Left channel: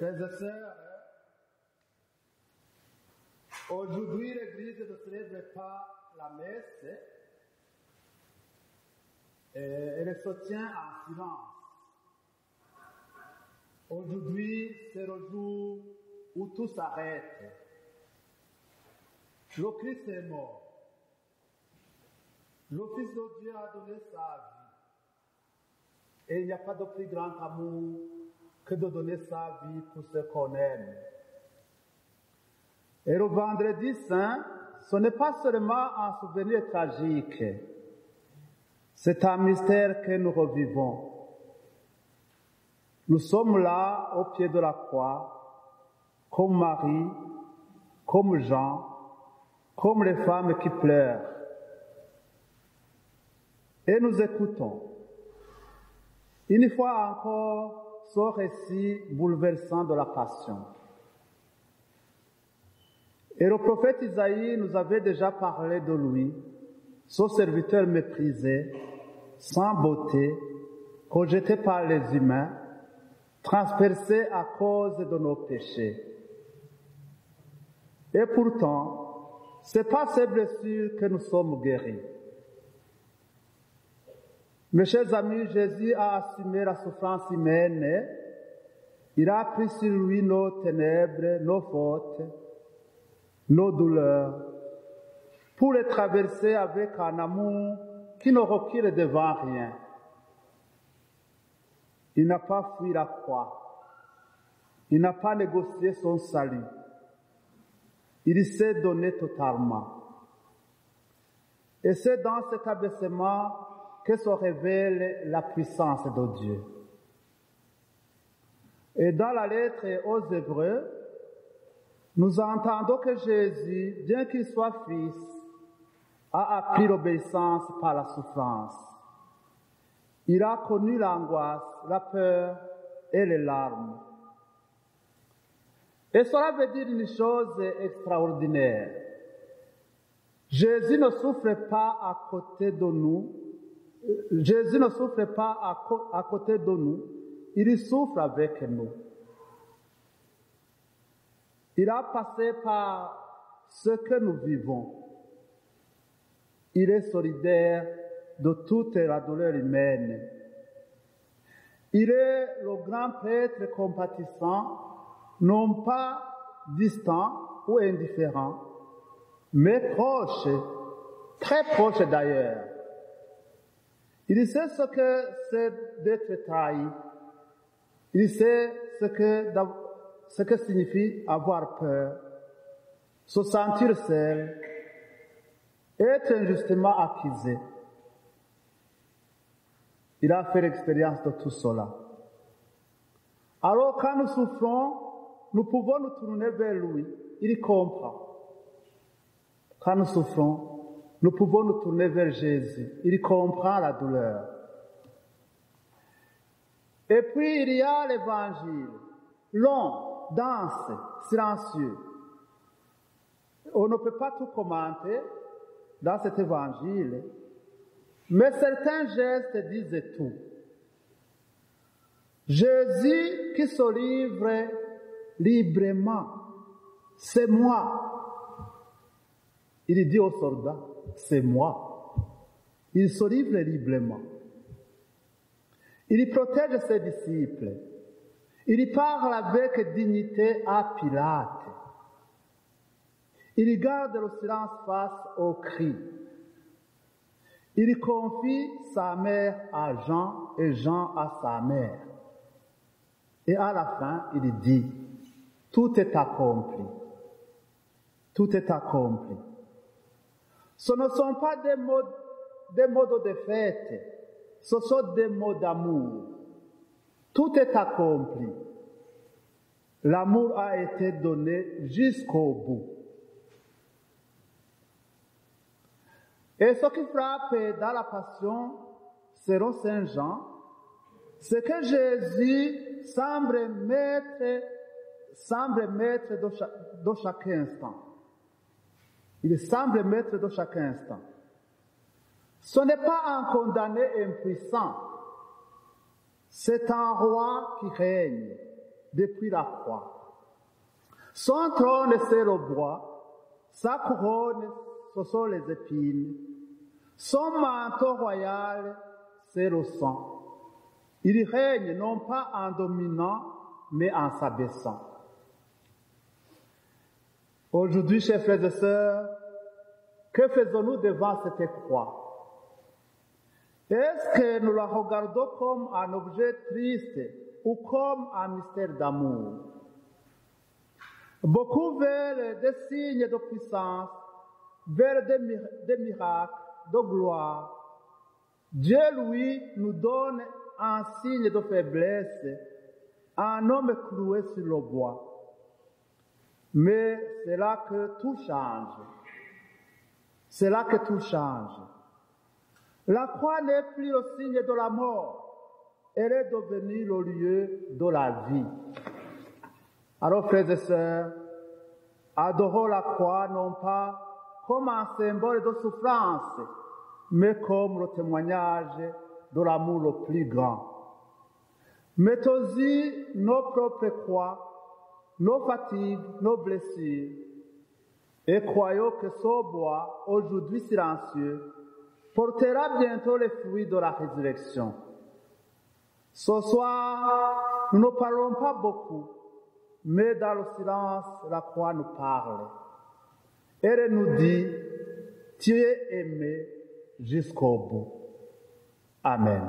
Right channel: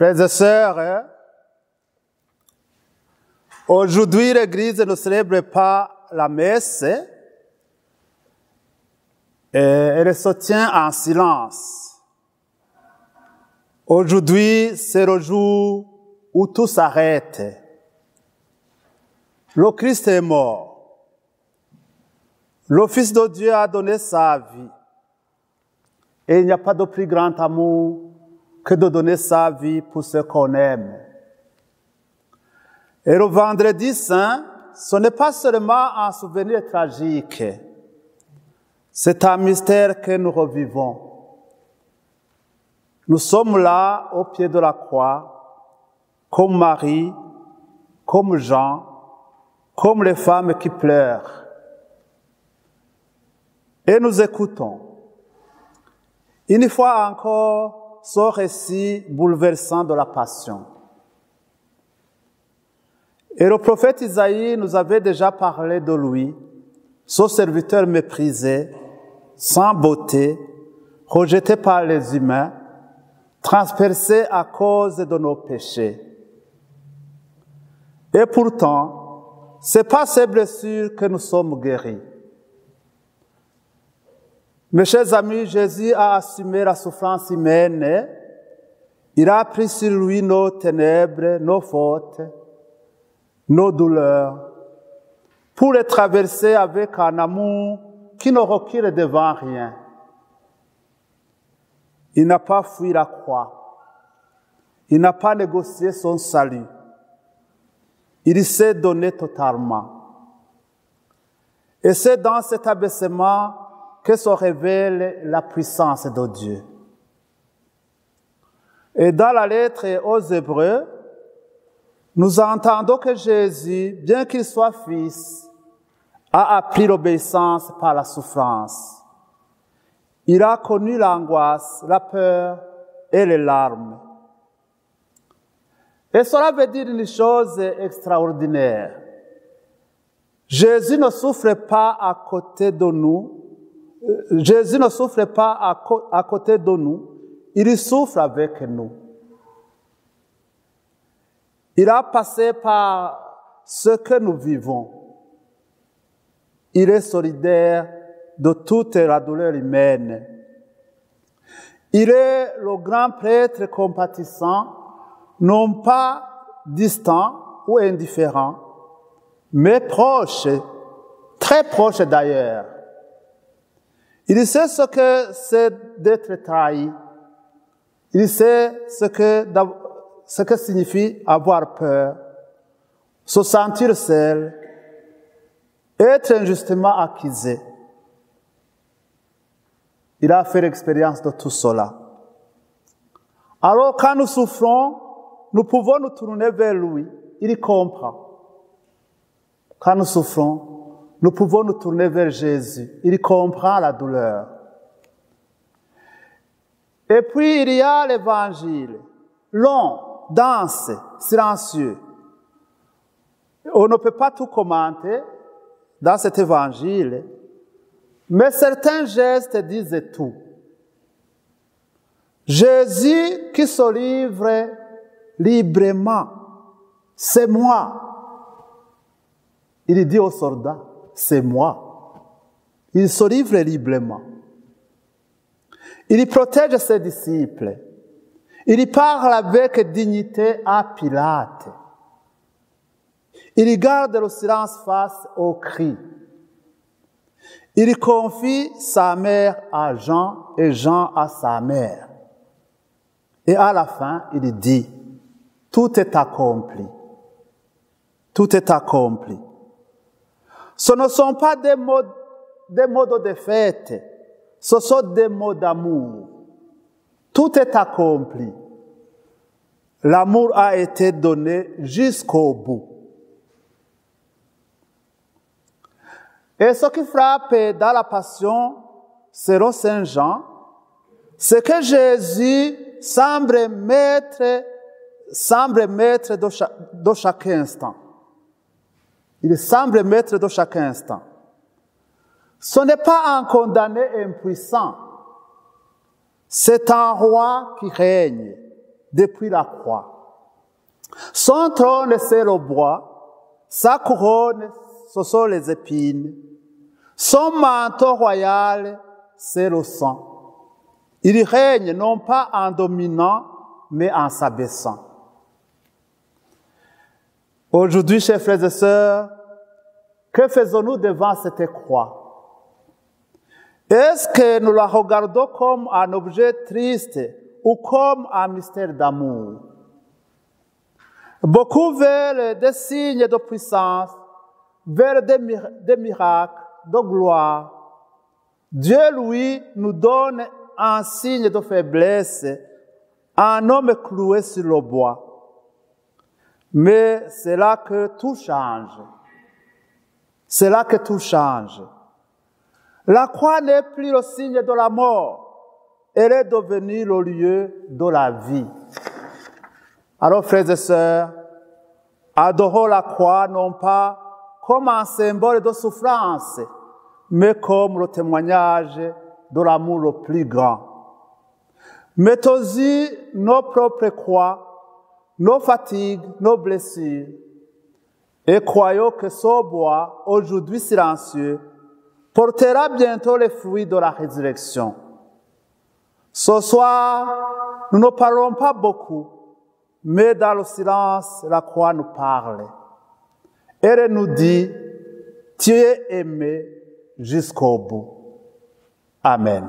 Frères et sœurs, aujourd'hui l'Église ne célèbre pas la messe, elle se tient en silence. Aujourd'hui, c'est le jour où tout s'arrête. Le Christ est mort. Le Fils de Dieu a donné sa vie. Et il n'y a pas de plus grand amour que de donner sa vie pour ceux qu'on aime. Et le vendredi saint, ce n'est pas seulement un souvenir tragique, c'est un mystère que nous revivons. Nous sommes là au pied de la croix, comme Marie, comme Jean, comme les femmes qui pleurent. Et nous écoutons. Une fois encore, ce récit bouleversant de la Passion. Et le prophète Isaïe nous avait déjà parlé de lui, ce serviteur méprisé, sans beauté, rejeté par les humains, transpercé à cause de nos péchés. Et pourtant, ce n'est pas ces blessures que nous sommes guéris. Mes chers amis, Jésus a assumé la souffrance humaine. Il a pris sur lui nos ténèbres, nos fautes, nos douleurs, pour les traverser avec un amour qui ne recule devant rien. Il n'a pas fui la croix. Il n'a pas négocié son salut. Il s'est donné totalement. Et c'est dans cet abaissement que se révèle la puissance de Dieu. Et dans la lettre aux Hébreux, nous entendons que Jésus, bien qu'il soit fils, a appris l'obéissance par la souffrance. Il a connu l'angoisse, la peur et les larmes. Et cela veut dire une chose extraordinaire. Jésus ne souffre pas à côté de nous. Jésus ne souffre pas à côté de nous, il souffre avec nous. Il a passé par ce que nous vivons. Il est solidaire de toute la douleur humaine. Il est le grand prêtre compatissant, non pas distant ou indifférent, mais proche, très proche d'ailleurs. Il sait ce que c'est d'être trahi. Il sait ce que signifie avoir peur, se sentir seul, être injustement accusé. Il a fait l'expérience de tout cela. Alors quand nous souffrons, nous pouvons nous tourner vers lui. Il comprend. Quand nous souffrons, nous pouvons nous tourner vers Jésus. Il comprend la douleur. Et puis, il y a l'évangile, long, dense, silencieux. On ne peut pas tout commenter dans cet évangile, mais certains gestes disent tout. Jésus qui se livre librement, c'est moi. Il dit aux soldats, c'est moi. Il se livre librement. Il protège ses disciples. Il parle avec dignité à Pilate. Il garde le silence face aux cris. Il confie sa mère à Jean et Jean à sa mère. Et à la fin, il dit, tout est accompli. Tout est accompli. Ce ne sont pas des mots de défaite, ce sont des mots d'amour. Tout est accompli. L'amour a été donné jusqu'au bout. Et ce qui frappe dans la Passion, selon Saint Jean, c'est que Jésus semble maître de chaque instant. Il semble maître de chaque instant. Ce n'est pas un condamné impuissant. C'est un roi qui règne. depuis la croix. Son trône, c'est le bois, sa couronne, ce sont les épines. Son manteau royal, c'est le sang. Il règne non pas en dominant, mais en s'abaissant. Aujourd'hui, chers frères et sœurs, que faisons-nous devant cette croix? Est-ce que nous la regardons comme un objet triste ou comme un mystère d'amour? Beaucoup veulent des signes de puissance, veulent des miracles, de gloire. Dieu, lui, nous donne un signe de faiblesse, un homme cloué sur le bois. Mais c'est là que tout change. C'est là que tout change. La croix n'est plus le signe de la mort. Elle est devenue le lieu de la vie. Alors, frères et sœurs, adorons la croix non pas comme un symbole de souffrance, mais comme le témoignage de l'amour le plus grand. Mettons-y nos propres croix, nos fatigues, nos blessures, et croyons que ce bois, aujourd'hui silencieux, portera bientôt les fruits de la résurrection. Ce soir, nous ne parlons pas beaucoup, mais dans le silence, la croix nous parle. Elle nous dit, tu es aimé jusqu'au bout. Amen.